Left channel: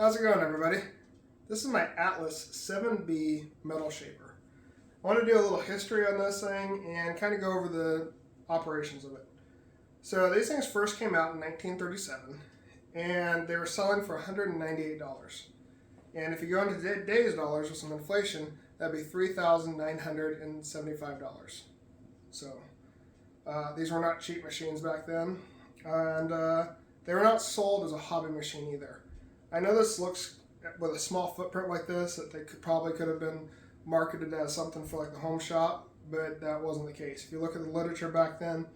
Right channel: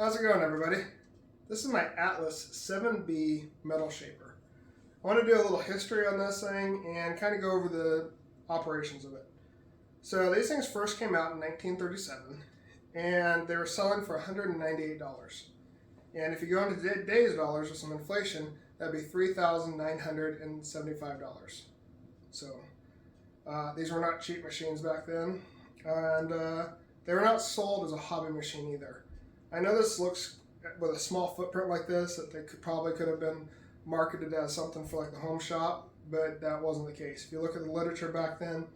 How's it going, everybody? This is my Atlas 7B metal shaper. I want to do a little history on this thing and kind of go over the operations of it. So these things first came out in 1937 and they were selling for $198. And if you go into today's dollars with some inflation, that'd be $3,975. So these were not cheap machines back then, and they were not sold as a hobby machine either. I know this looks, with a small footprint like this, that they probably could have been marketed as something for like the home shop, but that wasn't the case. If you look at the literature back then,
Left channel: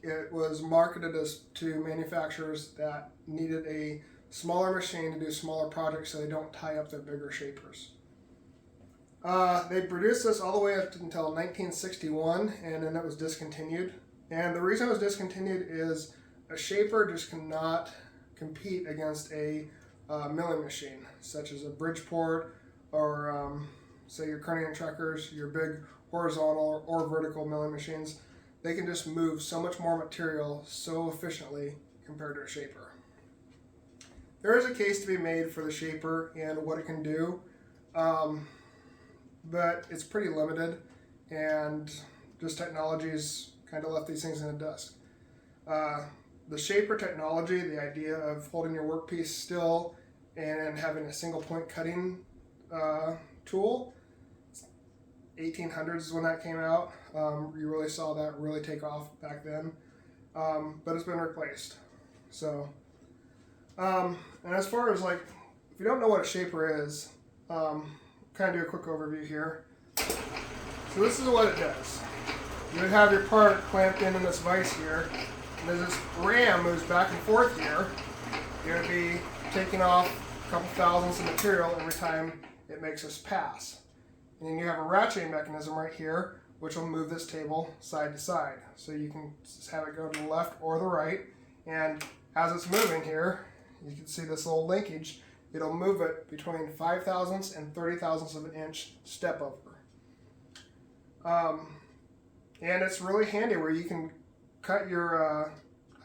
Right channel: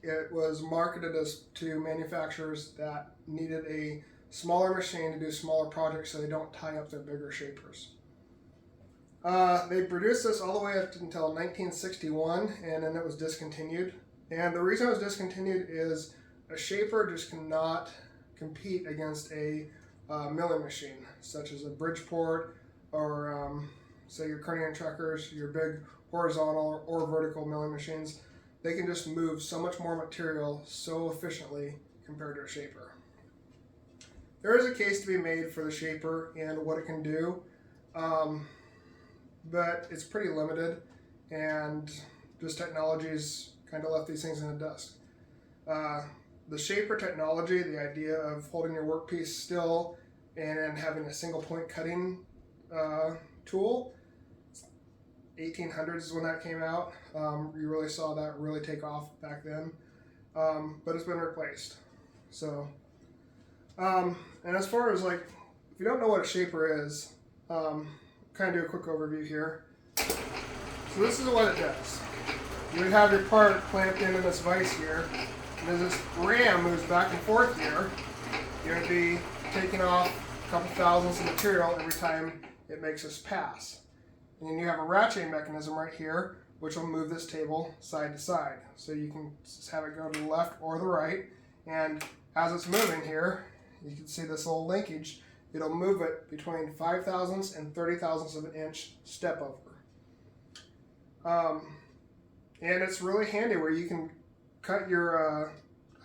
it was marketed as to manufacturers that needed a smaller machine to do smaller projects so they don't tie up their bigger shapers. They produced this all the way up until 1961, and then it was discontinued. And the reason it was discontinued is a shaper just cannot compete against a milling machine, such as a Bridgeport or say your Kearney and Truckers, your big horizontal or vertical milling machines. They can just move so much more material so efficiently compared to a shaper. There is a case to be made for the shaper and what it can do, but it's pretty limited, and just technology's kind of left these things in the dust. The shaper technology, the idea of holding your workpiece still and having a single point cutting tool, 1800s is when that came out. You really saw that really take off back then, but it's been replaced. So, and as far as like, if you don't know what a shaper is, kind of do a quick overview here. So this is what it does. You would have your part clamped into this vise here, and as this ram moves back and forth here, you're going to be taking off a couple thousandths of material every time it makes this pass. And then you have a ratcheting mechanism right here, which will move this table side to side. So you can just have it go to the left or the right, and as it's moving here, you can see this little linkage. It'll move it between 5 thousandths and 30 thousandths of an inch step over. And it's really handy where you can cut your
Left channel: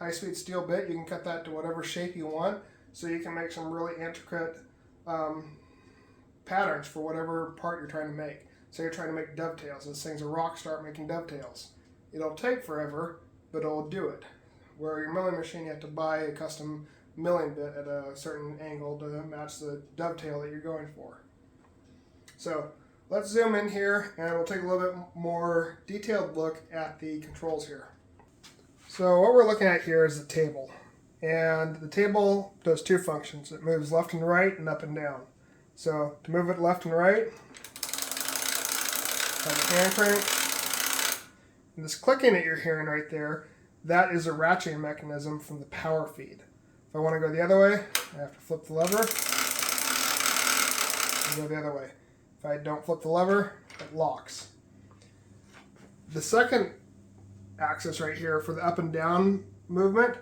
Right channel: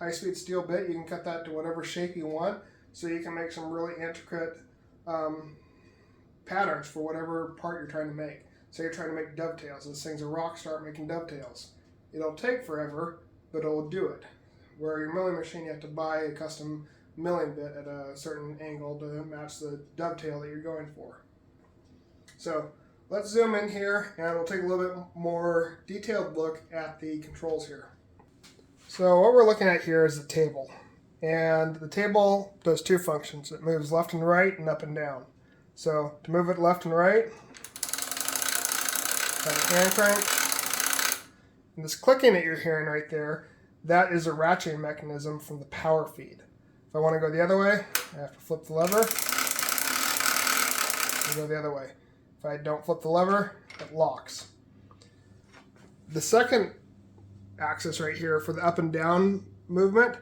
high-speed steel bit. You can cut that to whatever shape you want, so you can make some really intricate patterns for whatever part you're trying to make. So you're trying to make dovetails. This thing's a rock star at making dovetails. It'll take forever, but it'll do it. Where your milling machine, you have to buy a custom milling bit at a certain angle to match the dovetail that you're going for. So let's zoom in here and we'll take a little bit more detailed look at the controls here. So what we're looking at here is the table. And the table does two functions. It moves left and right and up and down. So to move it left and right, have a hand crank. And this clicking that you're hearing right there, that is a ratcheting mechanism from the power feed. If I want to go the other way, I have to flip the lever and go the other way. If I don't flip the lever, it locks. The second axis right here for the up and down movement,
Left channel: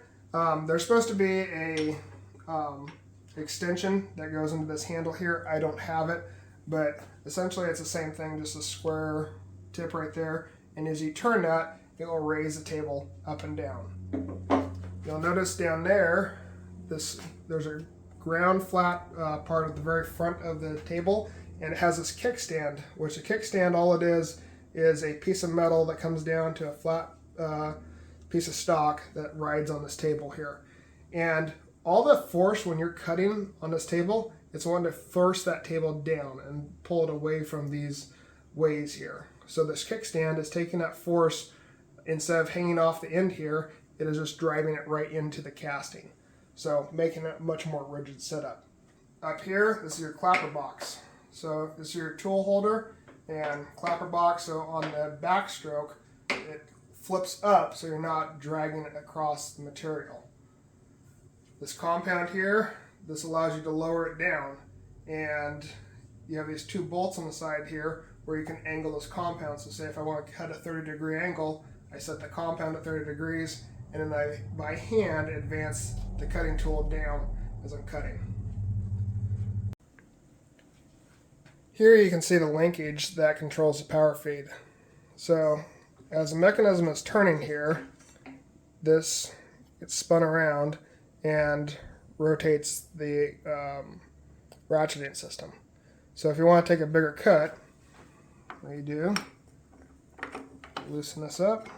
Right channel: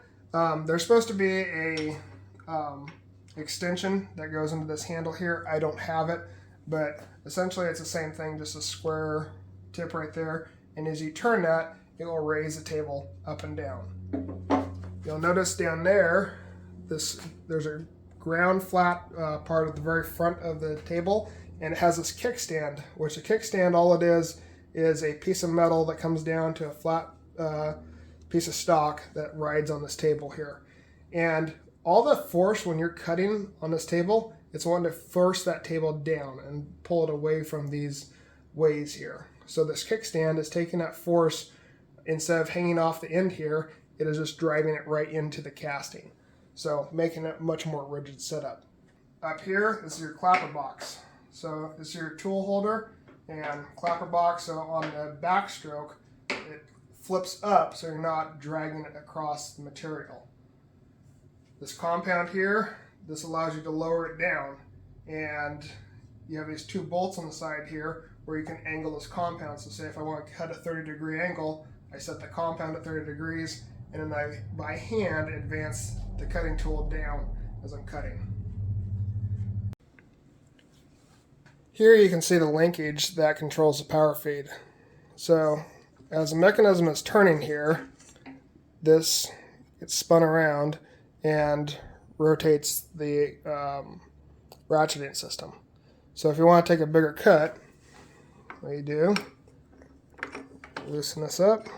there's supposed to be a extension that goes into this handle here. I don't have it, but essentially it's the same thing, just a square tip right there. And as you turn that, it will raise the table up and down. You'll notice down there, there's a ground flat part at the very front of the table, and it has this kickstand, which a kickstand, all it is a piece of metal that comes down to a flat piece of stock that rides on this table here. And all the force when you're cutting on this table, it's wanting to force that table down and pull it away from these ways here. So this kickstand is taking that force, instead of hanging off the end here, it is just driving it right into the casting. So making it much more rigid setup. Up here, this is your clapper box. So this is your tool holder and clapper box. So on the backstroke, it flips up so you're not dragging it across the material. This compound here, this allows you to lower it down. And you have these two bolts on the side here where you can angle this compound. So say if I want to cut a 30-degree angle, I set the compound at 30 degrees, and then I, by hand, advance the cutting tool down as I'm cutting. Here you can see the linkage that controls the power feed. So as the mechanism is turning here, this gets spun around and rotates the ratcheting system. So if you want to take a bigger cut, what you do, loosen this up.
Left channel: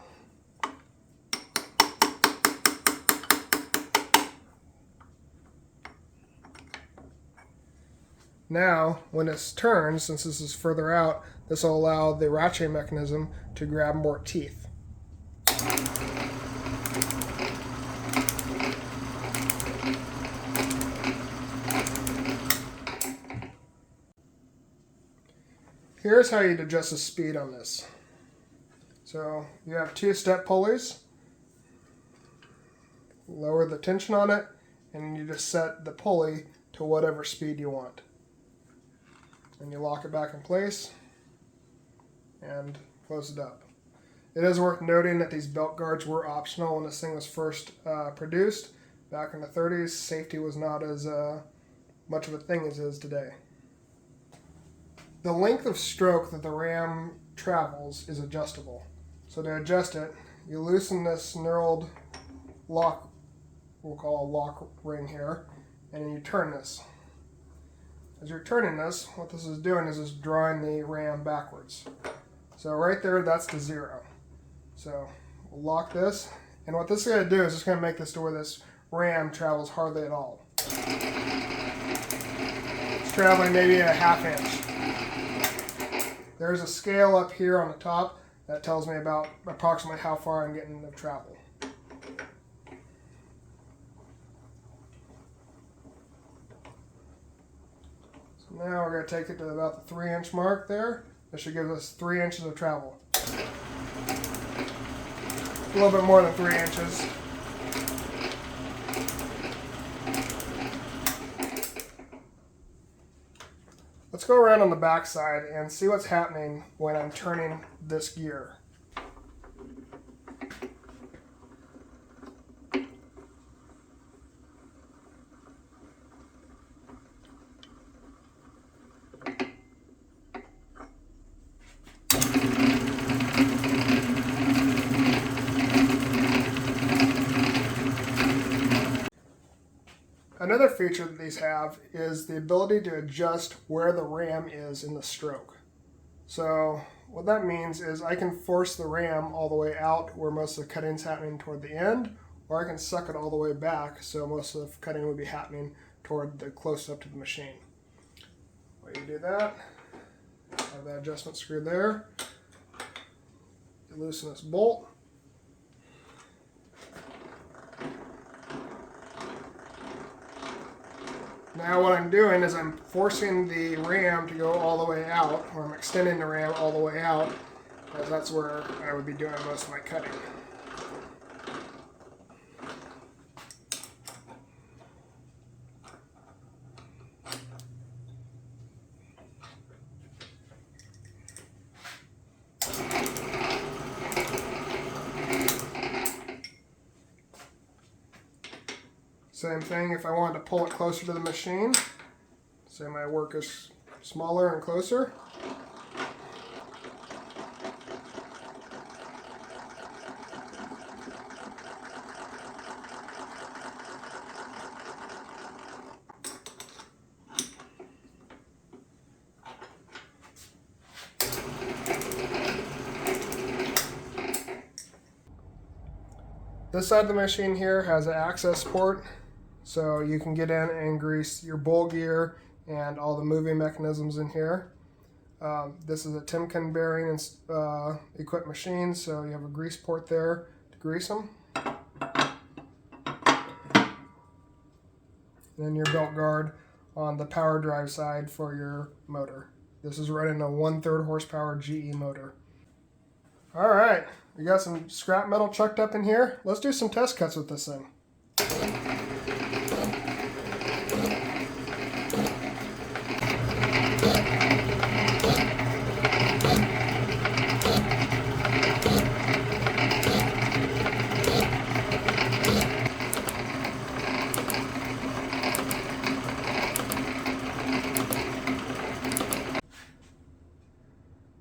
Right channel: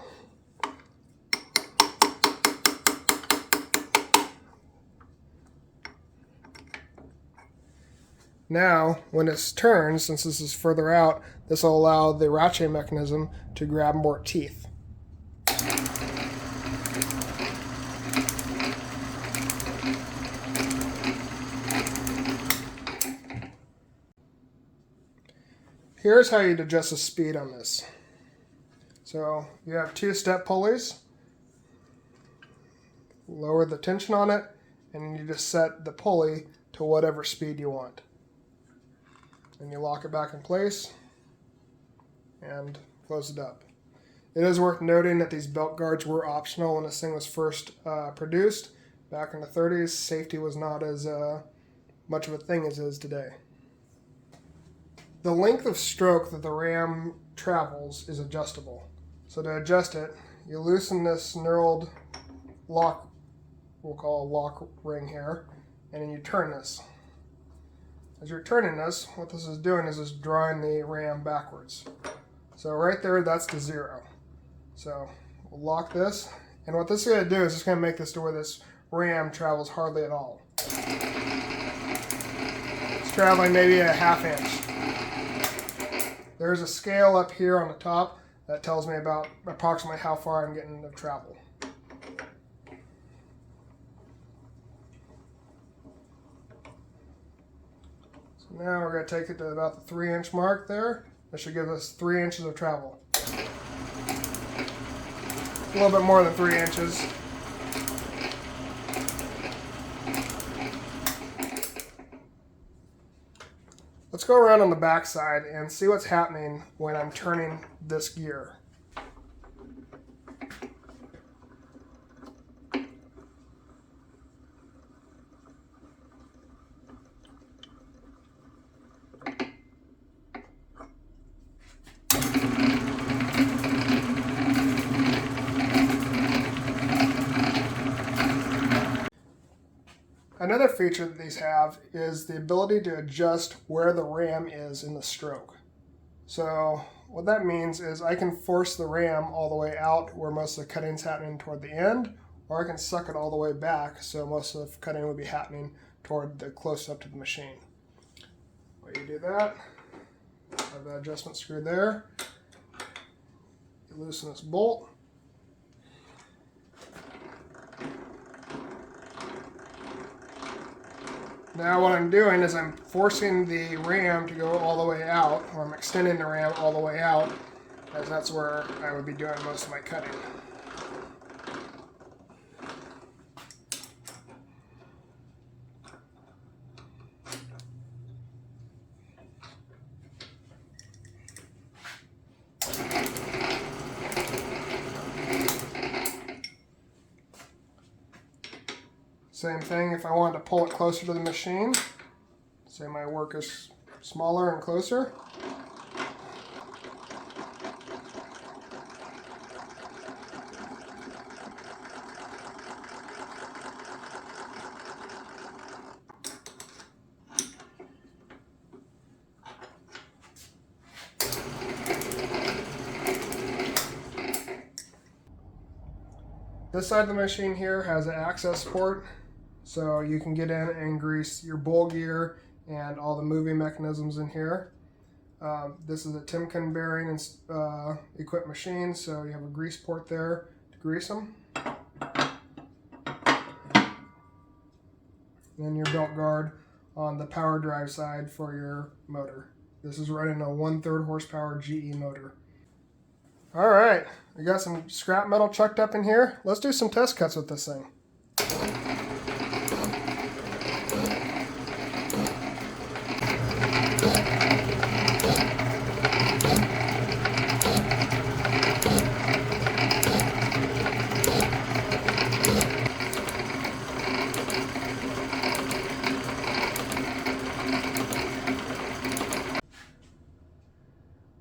Now, when this turns, since this is further out, this will allow the ratcheting mechanism to grab more teeth. Here's how you'd adjust the speed on this. So you have 2 step pulleys. Lower the tension on it, and you just set the pulley to whatever speed you want. And you lock it back in place and close it up. It is worth noting that these belt guards were optional when this thing was first produced. Back in the 30s, safety was not as much of a thing as it is today. The length of stroke that the ram travels is adjustable. So to adjust it, you loosen this knurled lock, we'll call a lock ring here, and then you turn this. As you're turning this, what this is doing is just drawing the ram backwards. So right there, that's the 0. So we'll lock this, and what this is going to do is it's going to make this to where this ram travels hardly at all. It's traveling maybe a ½ inch. There's a scale up here on the top that tells me about approximately how far I'm getting of travel. So now we're going to take it to about the 3-inch mark there. That should give us 3 inches of travel. A little bit more than 3 inches. Let's go around on the back side and see what's happening when I'm turning this gear. Another feature that these have is the ability to adjust where the ram is in the stroke. So what that means is I can force the ram all the way out where most of the cutting is happening toward the end, or I can suck it all the way back so most of the cutting will be happening toward the close up to the machine. When you do that, have that adjustment screw there. You loosen this bolt. Now what I'm doing is I'm forcing the ram to go all the way out, or I'm extending the ram all the way out, as that's where I would be doing most of my cutting. Same thing if I wanted to pull it closer to the machine. Say my work is smaller and closer. This side of the machine here has an access port, so you can get in and grease your bowl gear and all the moving mechanisms in here. This is a Timken bearing and equipped machine, so you have a grease port there to grease them. And then your belt guard on the power drive side for your motor. This is running a 1/3 horsepower GE motor. All right, we got some scrap metal chucked up in here. Let's do some test cuts with this thing.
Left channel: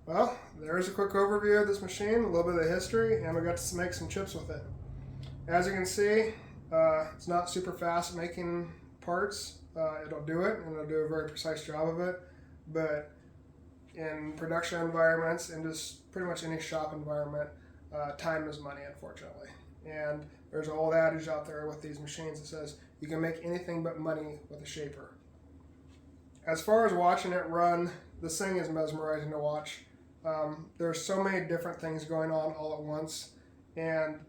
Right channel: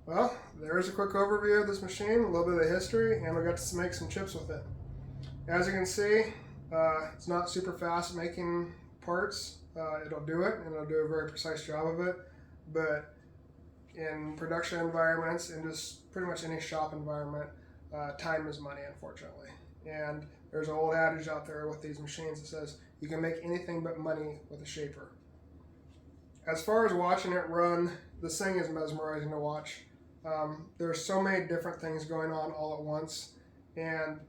Well, there's a quick overview of this machine, a little bit of the history, and we got to make some chips with it. As you can see, it's not super fast at making parts. it'll do it, and it'll do a very precise job of it. But in production environments and just pretty much any shop environment, time is money, unfortunately. And there's an old adage out there with these machines that says you can make anything but money with a shaper. As far as watching it run, this thing is mesmerizing to watch. There's so many different things going on all at once, and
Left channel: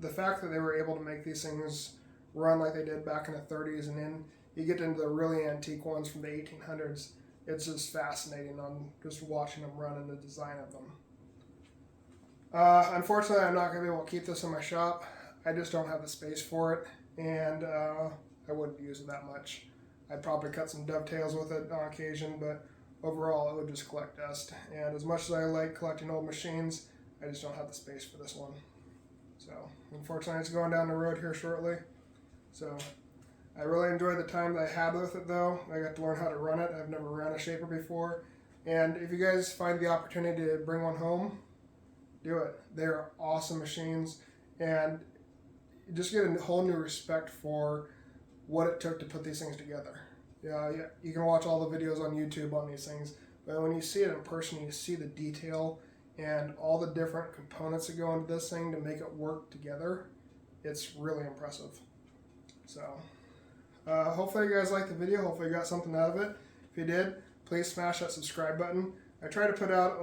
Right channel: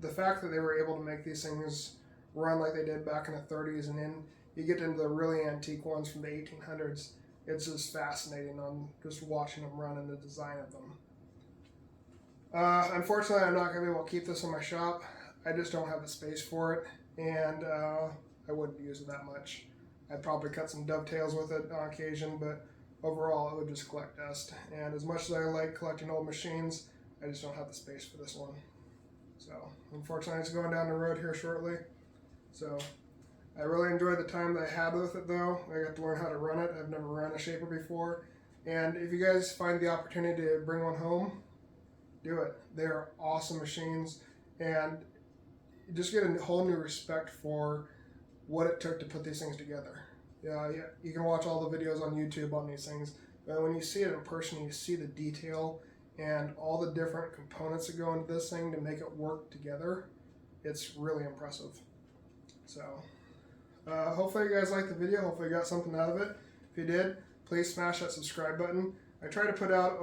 the fact that they were able to make these things run like they did back in the 30s, and then you get into the really antique ones from the 1800s, it's just fascinating on just watching them run and the design of them. Unfortunately, I'm not going to be able to keep this in my shop. I just don't have the space for it, and I wouldn't use it that much. I'd probably cut some dovetails with it on occasion, but overall it would just collect dust. And as much as I like collecting old machines, I just don't have the space for this one. So unfortunately it's going down the road here shortly. So I really enjoyed the time that I had with it though. I got to learn how to run it. I've never run a shaper before. And if you guys find the opportunity to bring one home, do it. They're awesome machines, and you just get a whole new respect for what it took to put these things together. Yeah, you can watch all the videos on YouTube on these things, but when you see it in person, you see the detail and all the different components that go into this thing to make it work together. It's really impressive. So hopefully you guys liked the video. Hopefully you got something out of it. If you did, please smash that subscribe button. I try to put out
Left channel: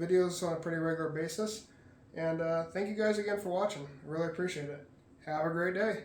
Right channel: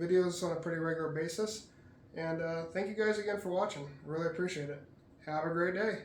videos on a pretty regular basis, and thank you guys again for watching. I really appreciate it. Have a great day.